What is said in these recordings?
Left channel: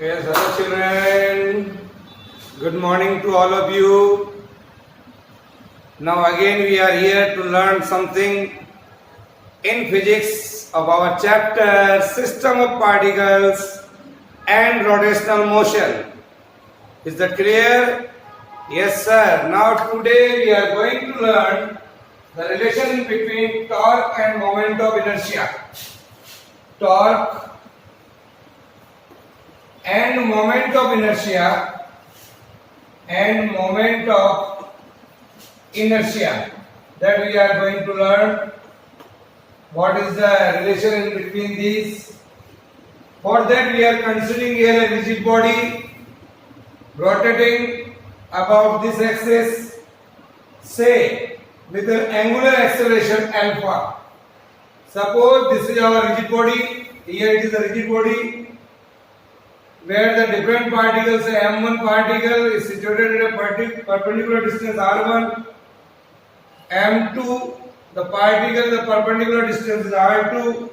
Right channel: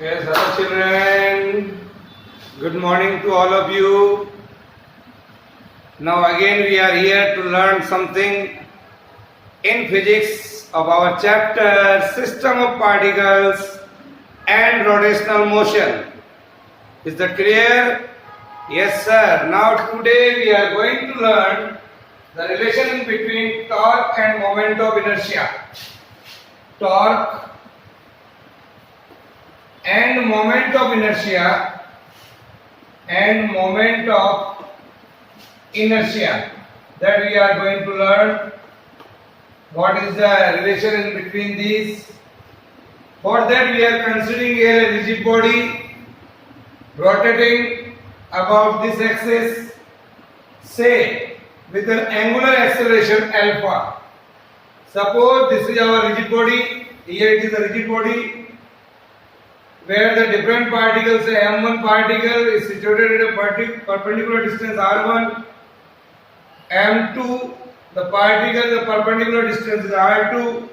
Yes, hello children. Good morning to all of you. Now again we are here to learn something in physics of our chapter System of Particles and Rotational Motion. Is that clear? Yes sir. Now today we are going to learn the relation between torque and moment of inertia. Torque and moment of inertia that we are going to learn. What is the relation in between these? For that we are considering here a rigid body rotating about this axis, say with an angular acceleration alpha. Suppose this is our rigid body, here it is a rigid body where the different particles, say m1 particle is situated at a perpendicular distance r1, m2 the perpendicular distance is r2,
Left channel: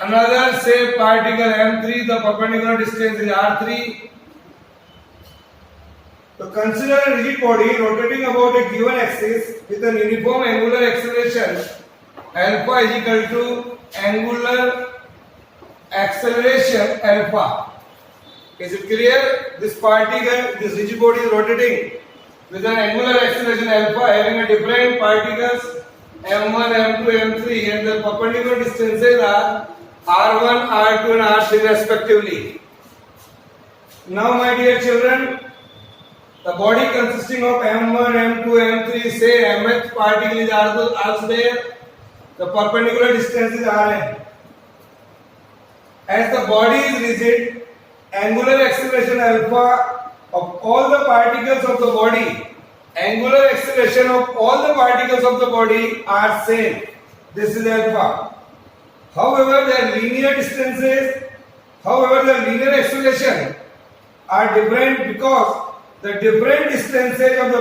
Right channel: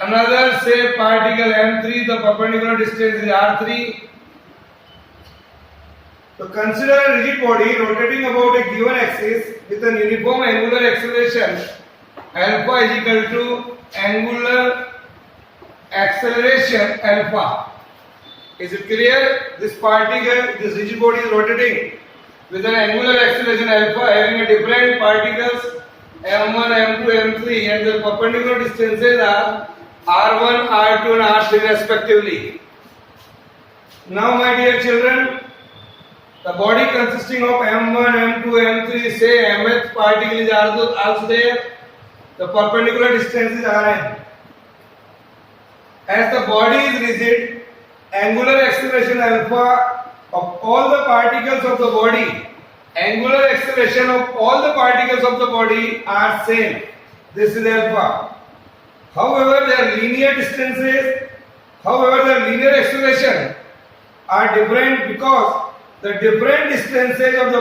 another say particle m3 the perpendicular distance is r3. So consider a rigid body rotating about a given axis with an uniform angular acceleration alpha is equal to angular acceleration alpha. Is it clear? This rigid body is rotating with an angular acceleration alpha having a different particles m1, m2, m3 and the perpendicular distances are r1, r2 and r3 respectively. Now my dear children, the body consisting of m1, m2, m3, say mth particle is also there, the perpendicular distance is rn. As the body is rigid, angular acceleration alpha of all the particles of the body, angular acceleration of all the particles of the body are same. This is alpha. However, their linear distances, the linear acceleration are different because the different distances of the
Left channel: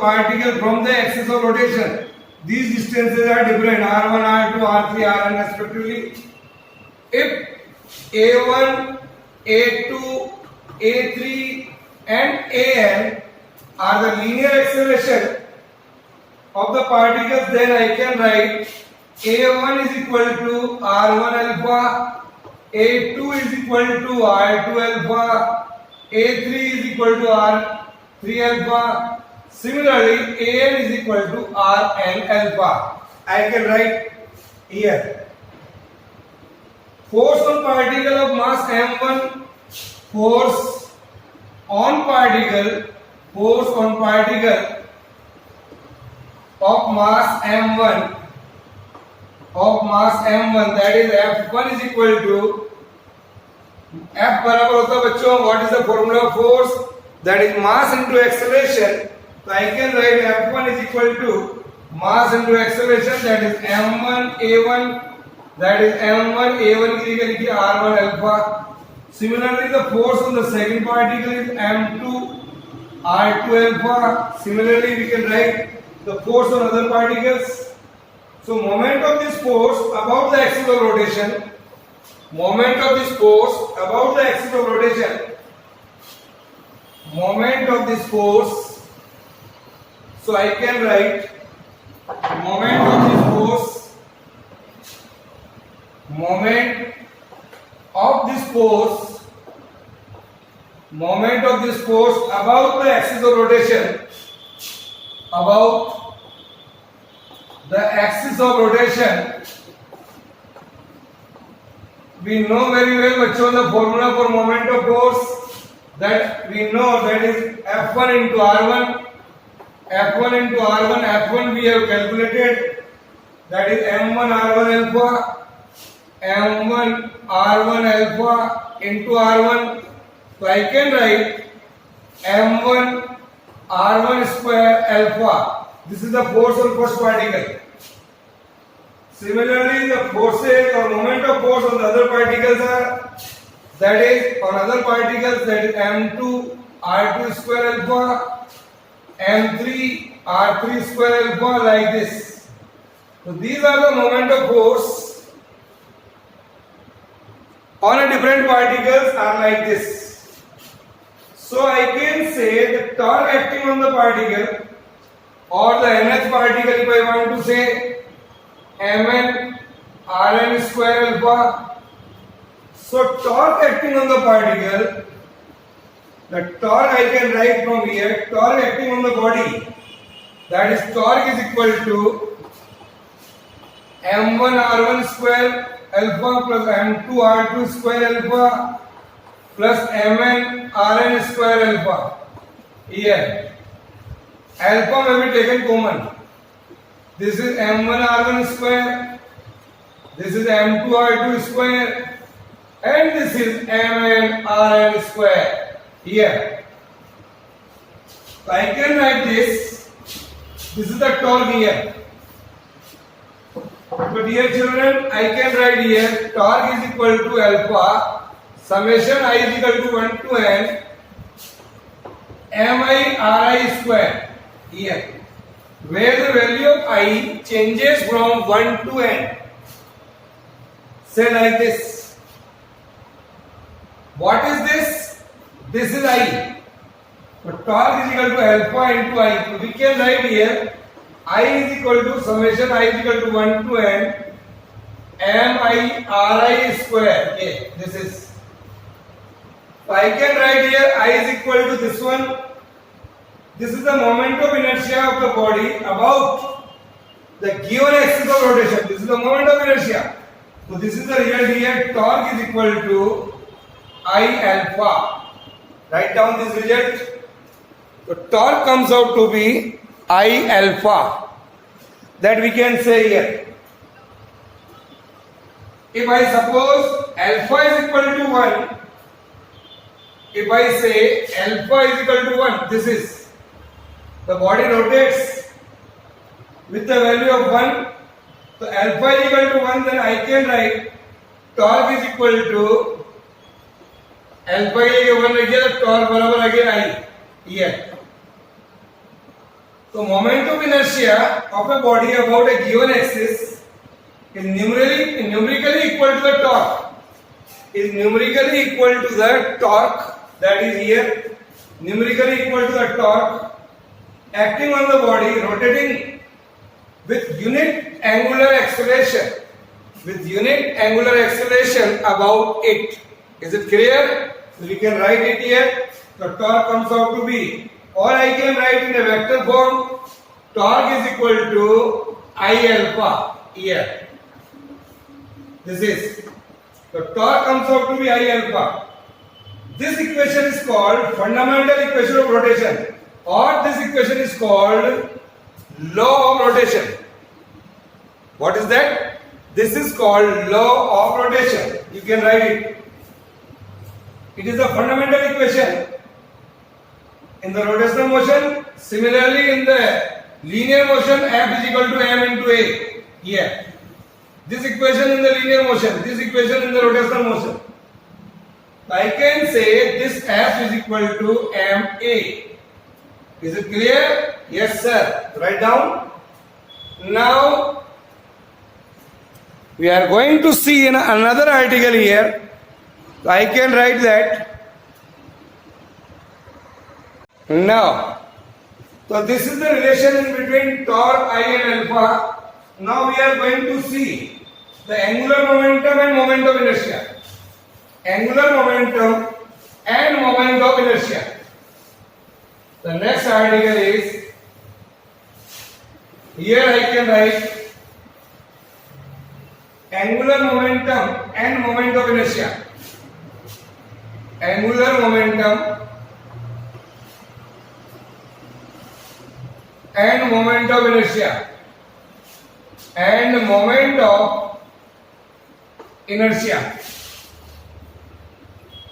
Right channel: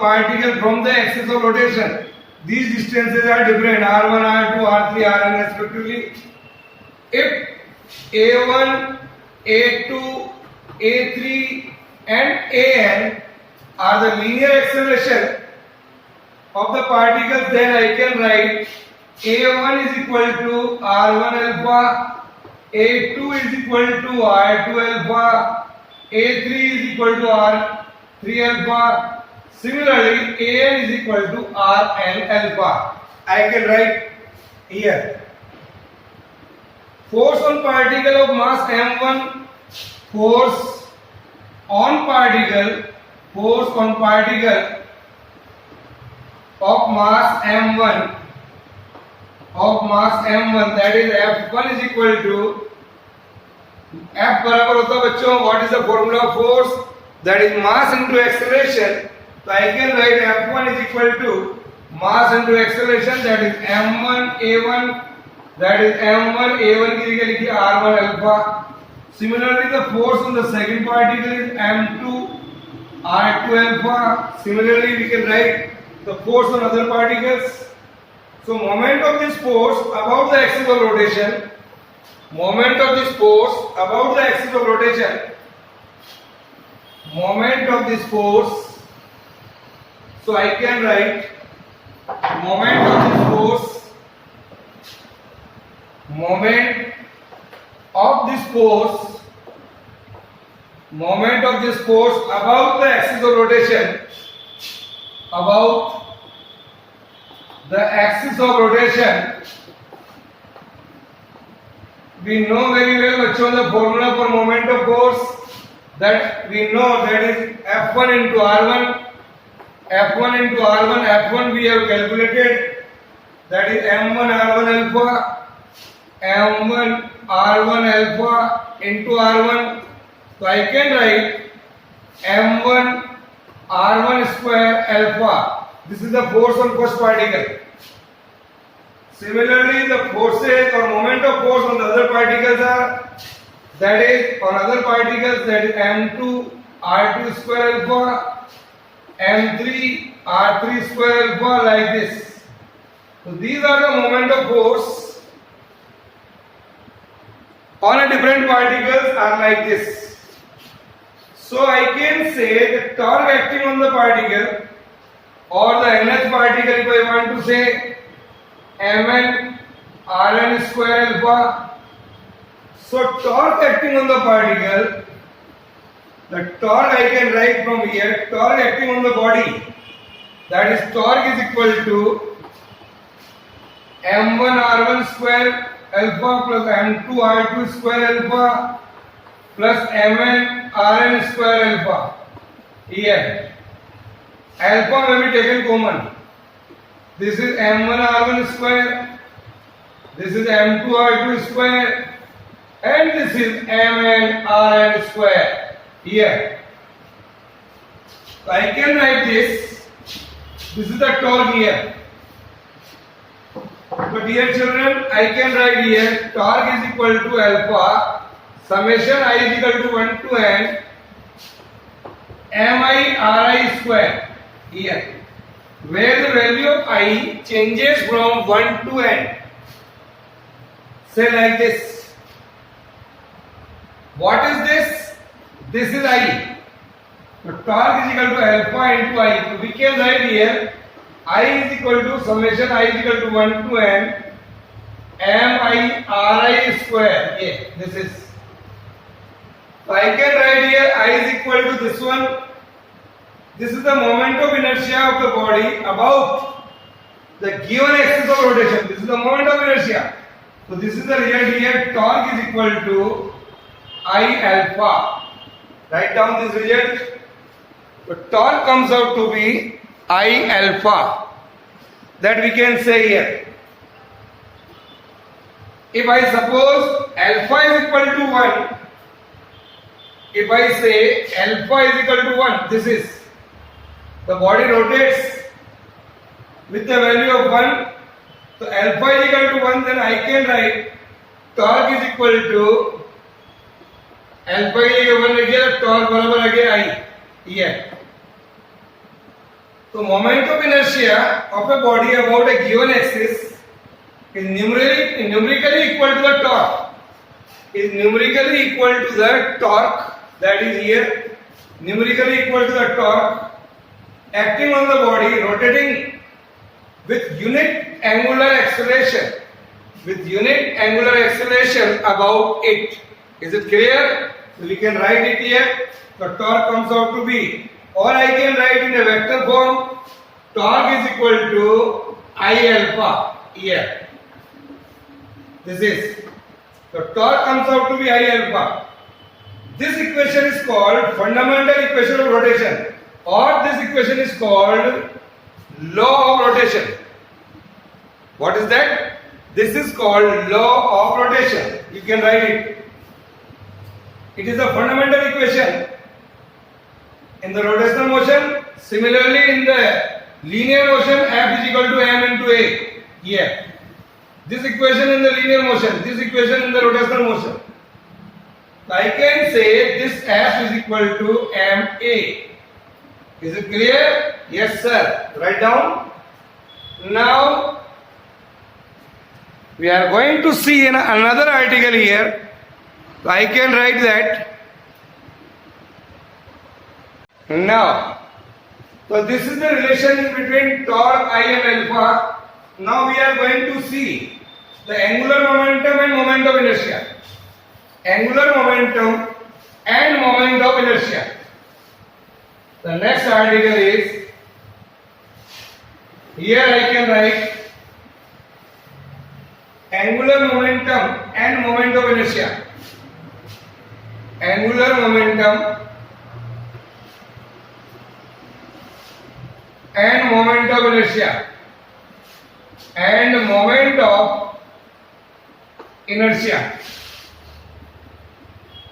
particle from the axis of rotation. These distances are different, r1, r2, r3, rn respectively. If a1, a2, a3 and an are the linear acceleration of the particles, then I can write a1 is equal to r1 alpha, a2 is equal to r2 alpha, a3 is equal to r3 alpha. Similarly, an is equal to rn alpha. I can write here. Force on particle of mass m1, force on particle of mass m1 that is F1 is equal to F बराबर होता है बच्चों, what is the formula of force? That is mass into acceleration. So I can write F1 is equal to mass into acceleration, that is m1 a1, that is m1 a1 की जगह लिखिए r1 alpha. Similarly, the force on the second particle is m2 r2 alpha. Similarly, we can write the force on other particles. So moment of this force about the axis of rotation, moment of this force, so I can write moment of this force about the axis of rotation, we know very well bachcho the formula for moment of force, that we know that is F1 into R1. F1 we have calculated, that is m1 r1 alpha into r1. So I can write m1 r1 square alpha. This is the force on first particle. Similarly, the forces or moment of force on the other particles are, that is m2 r2 square alpha, m3 r3 square alpha, like this. So these are the moment of force on a different particles are like this. So I can say the torque acting on the particle or the nth particle, if I want to say mn Rn square alpha. So torque acting on the particle, the torque I can write from here, torque acting on the body, that is torque is equal to m1 r1 square alpha plus m2 r2 square alpha plus mn Rn square alpha. Here alpha may be taken common. This is m1 r1 square, this is m2 r2 square, and this is mn Rn square. Here so I can write this. This is the torque here. So dear children, I can write here torque is equal to alpha summation I is equal to 1 to n mi Ri square. Here where the value of I changes from 1 to n. Say like this. What is this? This is I. So torque is equal to alpha into I. So we can write here I is equal to summation I is equal to 1 to n mi Ri square. Yeah, this is. So I can write here I is equal to this one. This is the moment of inertia of the body about the given axis of rotation. This is the moment of inertia. So this is the result here. Torque is equal to I alpha. Write down this result. The torque comes out to be I alpha. That we can say here. If I suppose alpha is equal to 1, if I say alpha is equal to 1, this is the body rotates with the value of 1. So alpha is equal to 1, then I can write torque is equal to alpha is equal to 1 again, torque barabar again I. Here. So moment of inertia of a body about a given axis is numerically equal to the torque. Is numerically equal to the torque, that is here, numerically equal to the torque acting on the body rotating with unit angular acceleration. With unit angular acceleration about it. Is it clear? So we can write it here. The torque comes out to be, or I can write in a vector form, torque is equal to I alpha here. This is. The torque comes out to be I alpha. This equation is called fundamental equation of rotation, or this equation is called law of rotation. What is that? This is called law of rotation. You can write it. It is a fundamental equation in the rotational motion. Similarly, in the linear motion, F is equal to m into a. Here. This equation in the linear motion, this equation in the rotational motion. I can say this F is equal to ma. Is it clear? Yes, sir. Write down. Now, we are going to see in another article here. So I can write that. Now, so this is the relation between torque I and alpha. Now we are going to see the angular momentum and moment of inertia. Angular momentum and moment of inertia. The next article is, here I can write angular momentum and moment of inertia. Angular momentum and moment of inertia. And moment of inertia.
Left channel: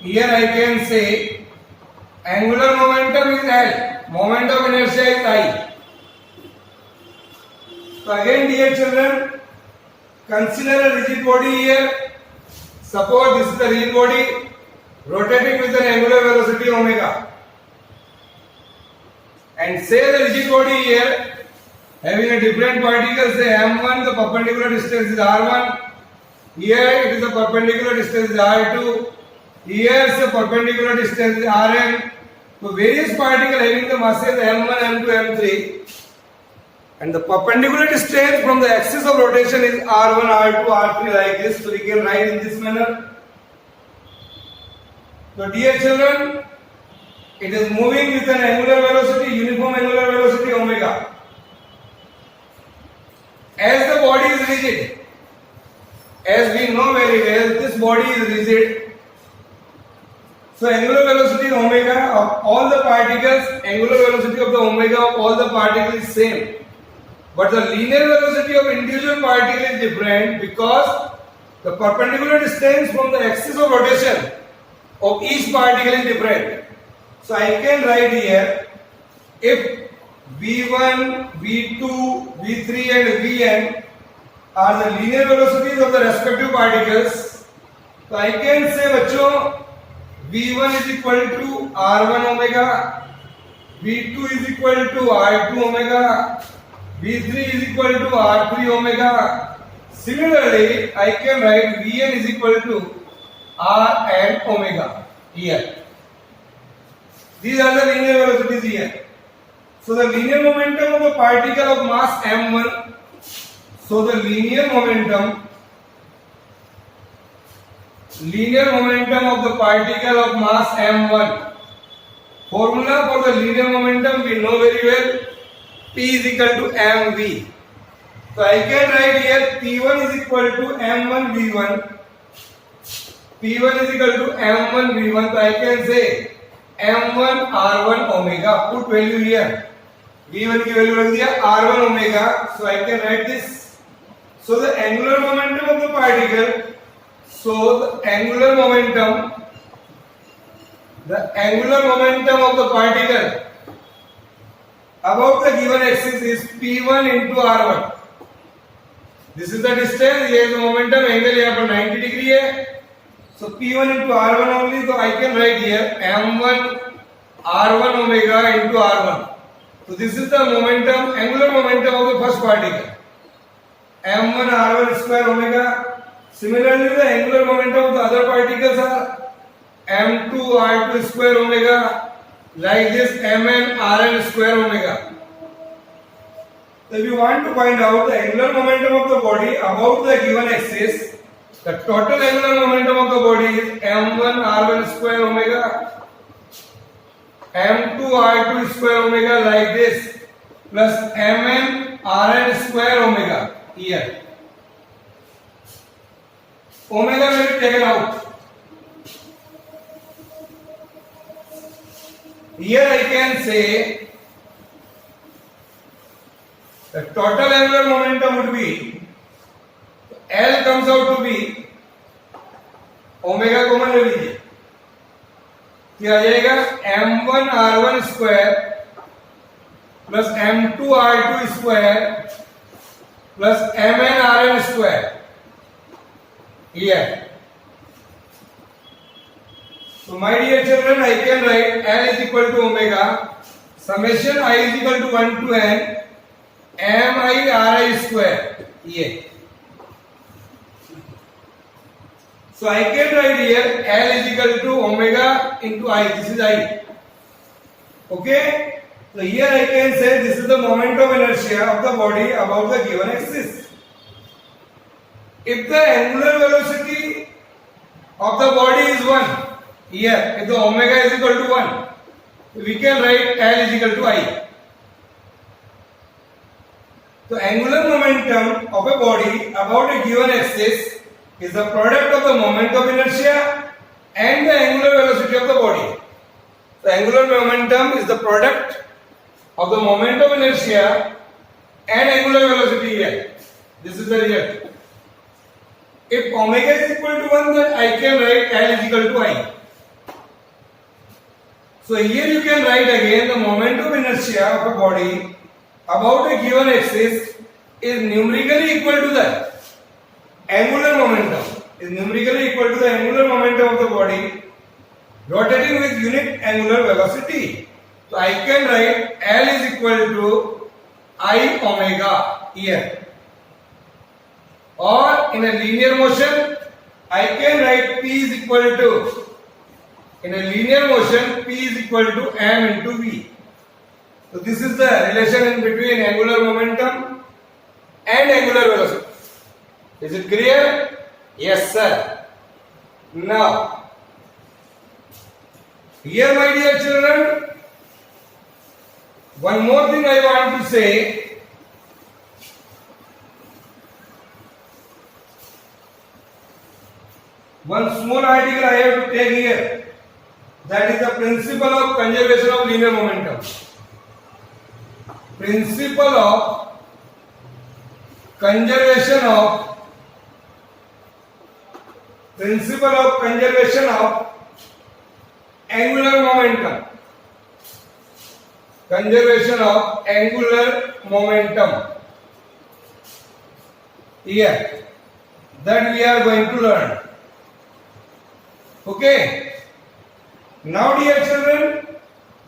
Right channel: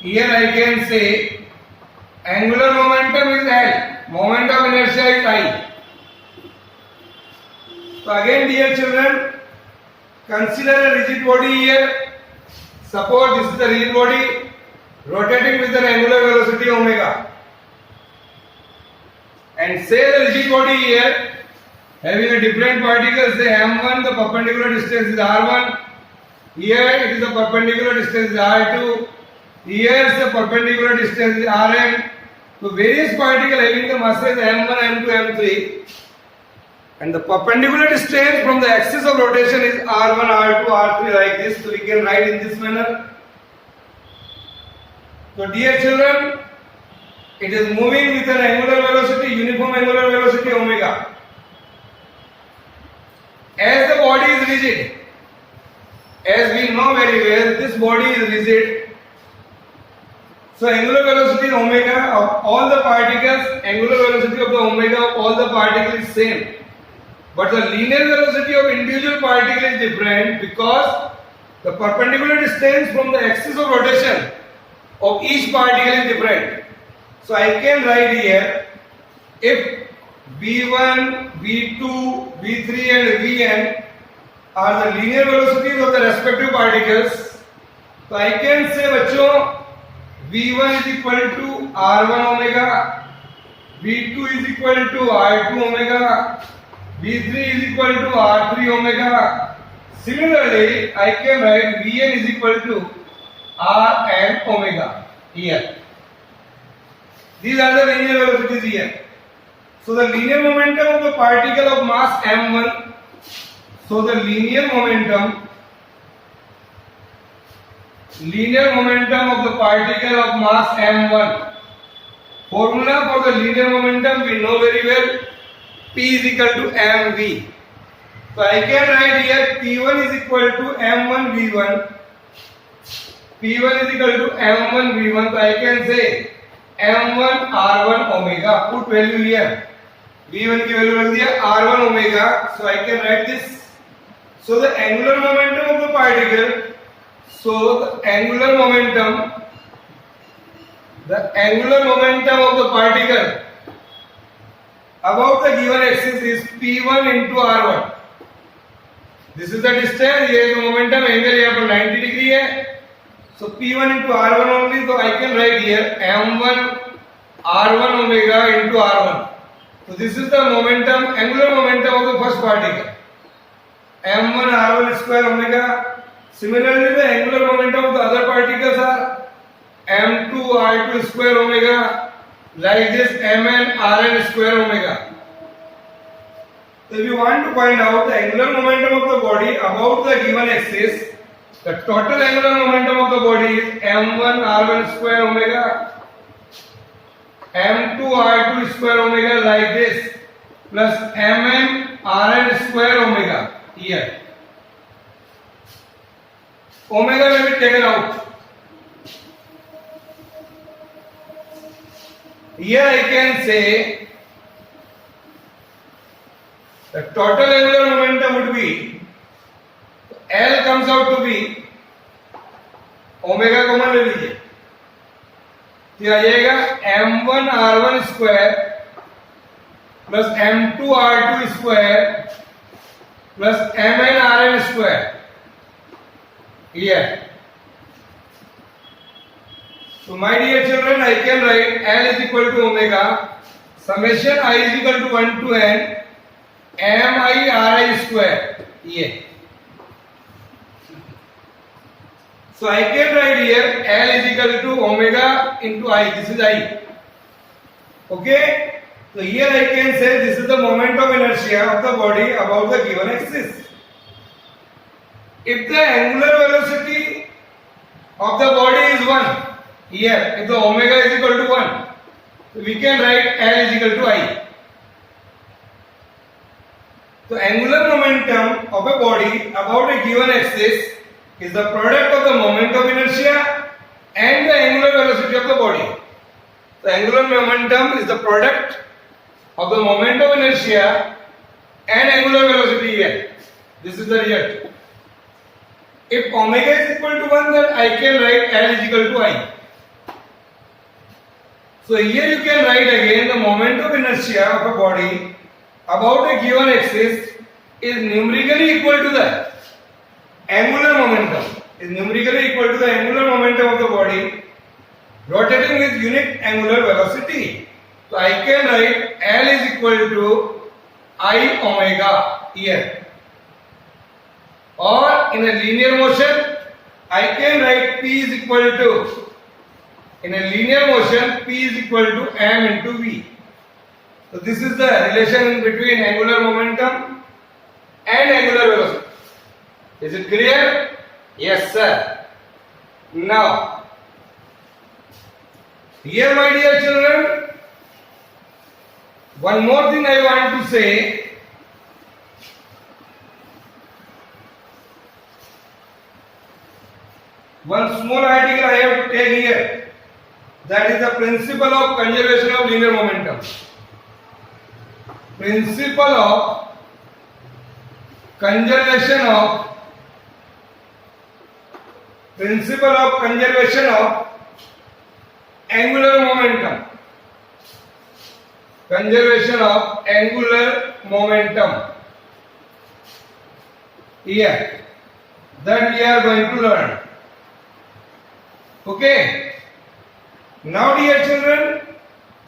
Here I can say angular momentum is L, moment of inertia is I. So again, dear children, consider a rigid body here. Suppose this is the rigid body rotating with an angular velocity omega. And say the rigid body here having a different particle, say m1, the perpendicular distance is r1, Here it is a perpendicular distance is r2. Here is a perpendicular distance is rn. So various particles having the masses m1, m2, m3, and the perpendicular distance from the axis of rotation is r1, r2, r3 like this. So we can write in this manner. So dear children, it is moving with an angular velocity, uniform angular velocity omega. As the body is rigid, as we know very well, this body is rigid. So angular velocity omega of all the particles, angular velocity of the omega of all the particles is same. But the linear velocity of individual particle is different because the perpendicular distance from the axis of rotation of each particle is different. So I can write here, if v1, v2, v3 and vn are the linear velocities of the respective particles, so I can say बच्चों v1 is equal to r1 omega, v2 is equal to r2 omega, v3 is equal to r3 omega. Similarly, I can write vn is equal to r and omega here. These are the linear velocities here. So the linear momentum of a particle of mass m1. So the linear momentum of the particle of mass m1. Formula for the linear momentum we know very well. P is equal to mv. So I can write here P1 is equal to m1 v1. P1 is equal to m1 v1. So I can say m1 r1 omega. Put value here. v1 की value रख दिया r1 omega. So I can write this. So the angular momentum of the particle. So the angular momentum of the particle about the given axis is P1 into R1. This is the distance. Here is the momentum angle यहाँ पर 90 degree है. So P1 into R1 only. So I can write here M1 R1 omega into R1. So this is the momentum, angular momentum of the first particle. M1 R1 square omega. Similarly, the angular momentum of the other particles are M2 R2 square omega, like this Mn Rn square omega. So if you want to find out the angular momentum of the body about the given axis, the total angular momentum of the body is M1 R1 square omega, M2 R2 square omega like this, plus Mn Rn square omega here. Omega may be taken out. Here I can say the total angular momentum would be, L comes out to be omega common ले लीजिए, तो आ जाएगा m1 r1 square plus m2 r2 square plus mn rn square. Here. So my dear children, I can write L is equal to omega summation I is equal to 1 to n mi ri square. Here. So I can write here L is equal to omega into I. This is I. Okay. So here I can say this is the moment of inertia of the body about the given axis. If the angular velocity of the body is 1, here, if the omega is equal to 1, we can write L is equal to I. So angular momentum of a body about a given axis is the product of the moment of inertia and the angular velocity of the body. The angular momentum is the product of the moment of inertia and angular velocity here. This is the result. If omega is equal to 1, then I can write L is equal to I. So here you can write again the moment of inertia of a body about a given axis is numerically equal to the angular momentum. Is numerically equal to the angular momentum of the body rotating with unit angular velocity. So I can write L is equal to I omega here. or in a linear motion, I can write P is equal to, in a linear motion, P is equal to m into v. So this is the relation in between angular momentum and angular velocity. Is it clear? Yes, sir. Now, here my dear children, one more thing I want to say. One small article I have to take here. That is the principle of conservation of linear momentum. Principle of conservation of angular momentum. Conservation of angular momentum. Here, that we are going to learn. Okay. Now, dear children,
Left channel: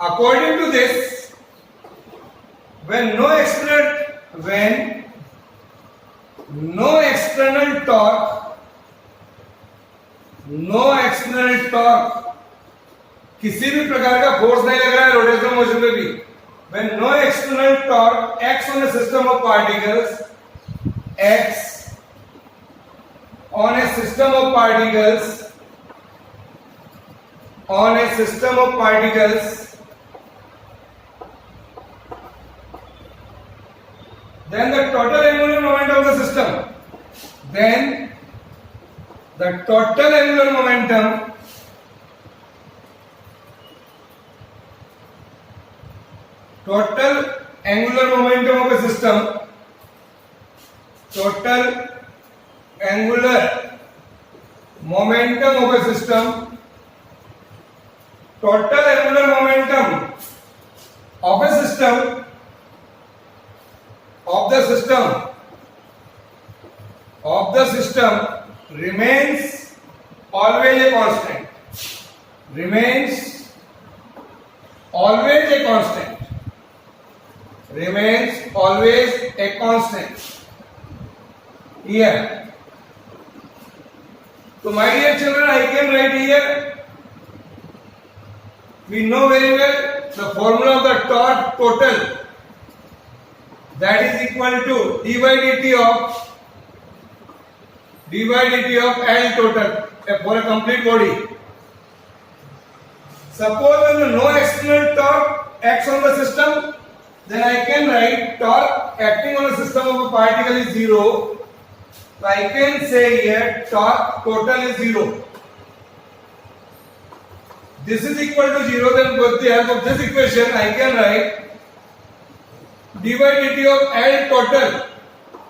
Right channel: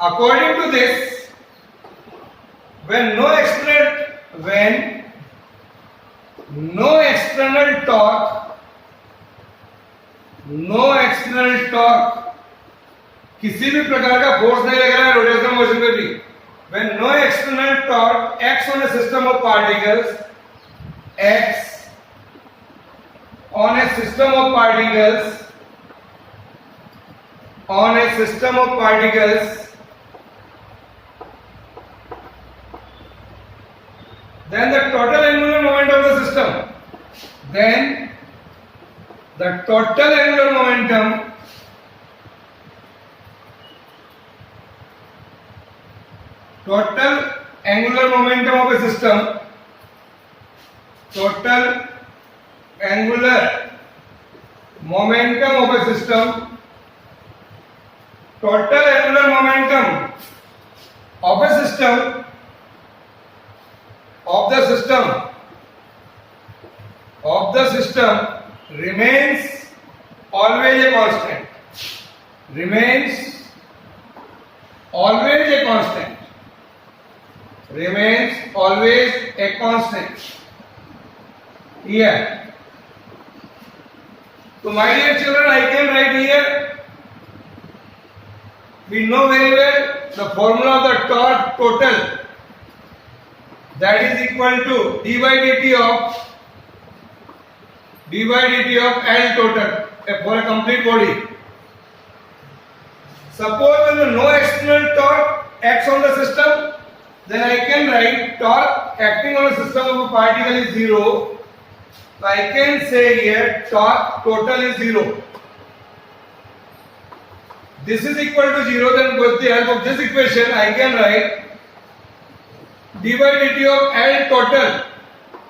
according to this, when no external torque, किसी भी प्रकार का force नहीं लग रहा है rotational motion पे भी, when no external torque acts on a system of particles, then the total angular moment of the system, of the system remains always a constant. Here. So my dear children, I can write here. We know very well the formula of the torque total. That is equal to d by dt of L total for a complete body. Suppose when no external torque acts on the system, then I can write torque acting on a system of a particle is 0. So I can say here torque total is 0. This is equal to 0, then with the help of this equation I can write d by dt of L total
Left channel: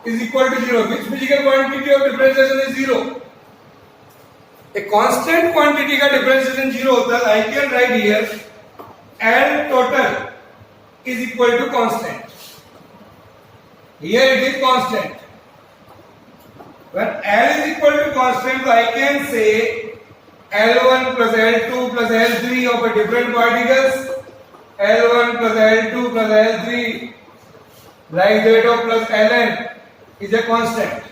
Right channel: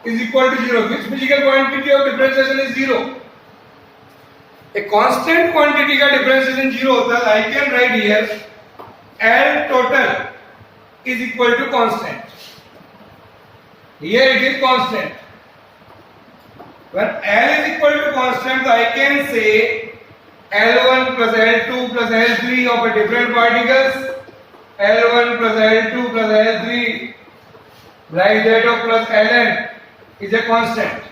is equal to 0. Which physical quantity of differentiation is 0? A constant quantity का differentiation 0 होता है. I can write here L total is equal to constant. Here it is constant. When L is equal to constant, so I can say L1 plus L2 plus L3 of a different particles, L1 plus L2 plus L3 like that of plus Ln is a constant.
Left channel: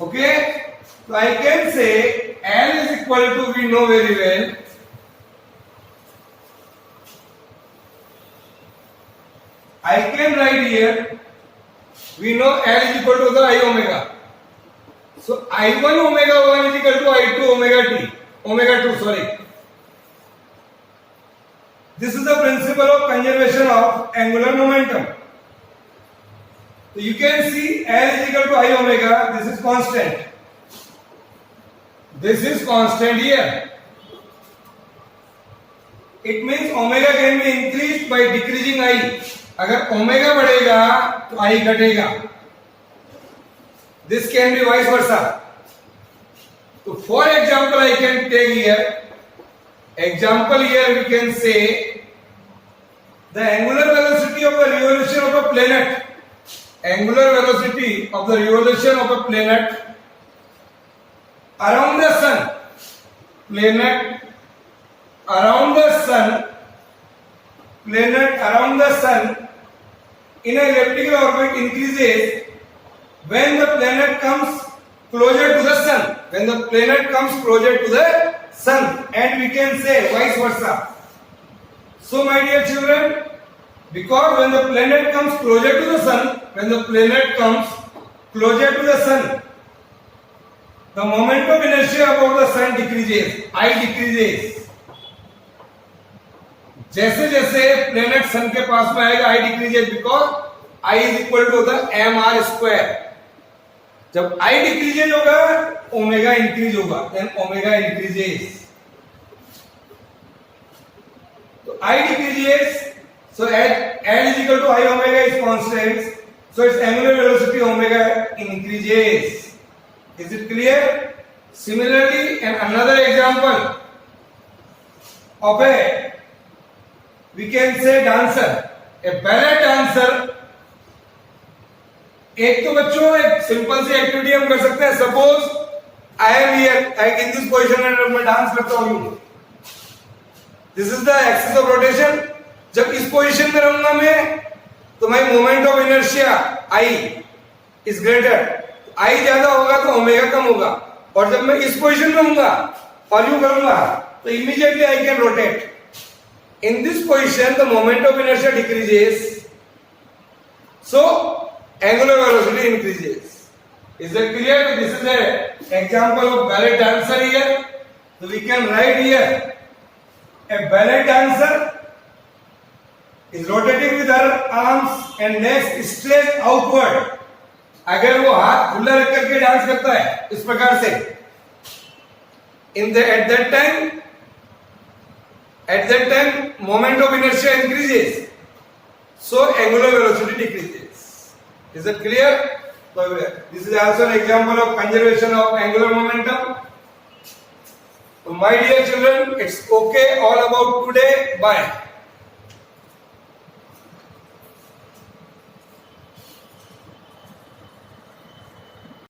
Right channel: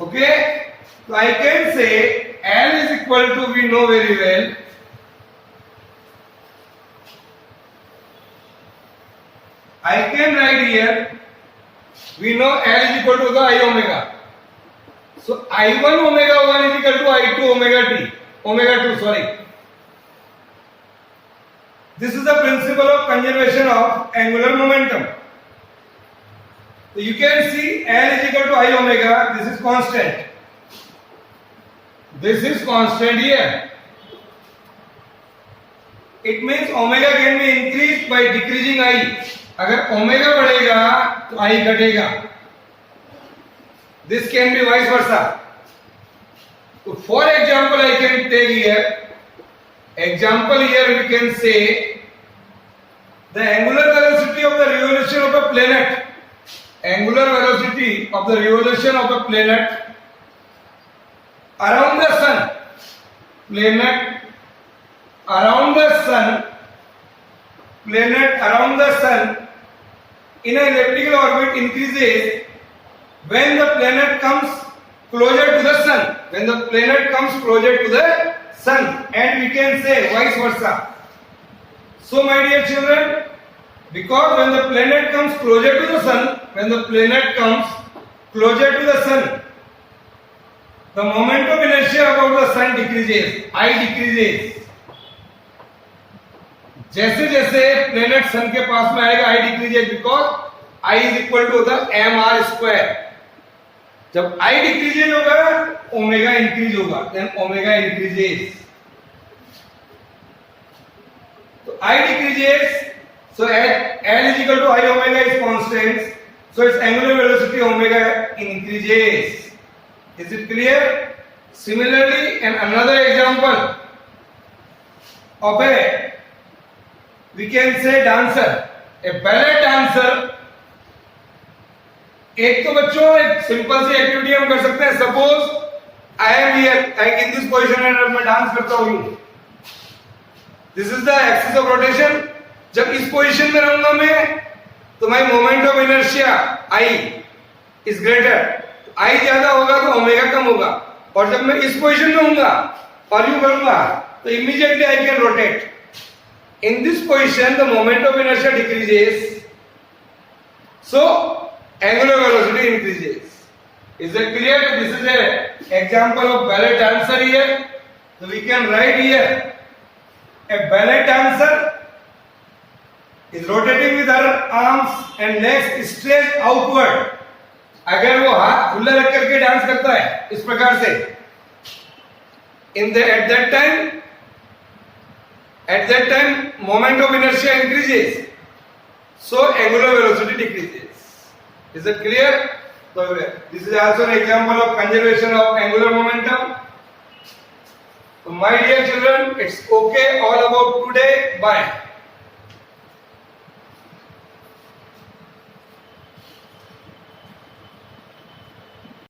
Okay? So I can say L is equal to, we know very well, I can write here, we know L is equal to the I omega. So I1 omega 1 is equal to I2 omega t, omega 2, sorry. This is the principle of conservation of angular momentum. So you can see L is equal to I omega, this is constant. This is constant here. It means omega can be increased by decreasing I. अगर omega बढ़ेगा तो I घटेगा. This can be vice versa. So for example, I can take here. Example here we can say the angular velocity of the revolution of a planet. Angular velocity of the revolution of a planet around the sun. Planet around the sun in an elliptical orbit increases when the planet comes closer to the sun, when the planet comes closer to the sun, and we can say vice versa. So my dear children, because when the planet comes closer to the sun, when the planet comes closer to the sun, the moment of inertia about the sun decreases, I decreases. जैसे जैसे planet सन के पास में आएगा I decreases, because I is equal to होता है mr square. जब I decreases होगा omega increase होगा, देन ओमेगा इंक्रीजेस. तो I decreases, so L is equal to I omega is constant, so its angular velocity omega increases. Is it clear? Similarly, and another example of a, we can say dancer, a ballet dancer. एक तो बच्चों एक simple सी activity हम कर सकते हैं. Suppose I am here, like in this position, and मैं dance करता हूं. This is the axis of rotation. जब इस पोजीशन में रहूंगा मैं, तो my moment of inertia I is greater. I ज्यादा होगा तो ओमेगा कम होगा. और जब मैं इस पोजीशन में होऊंगा और यूं करूंगा, तो immediately I can rotate. In this position the moment of inertia decreases, so angular velocity increases. Is it clear? This is an example of ballet dancer here. So we can write here, a ballet dancer is rotating with her arms and legs stretched outward. अगर वो हाथ खुला रख करके dance करता है इस प्रकार से, at that time moment of inertia increases, so angular velocity decreases. Is it clear? So this is also an example of conservation of angular momentum. So my dear children, it's okay all about today. Bye.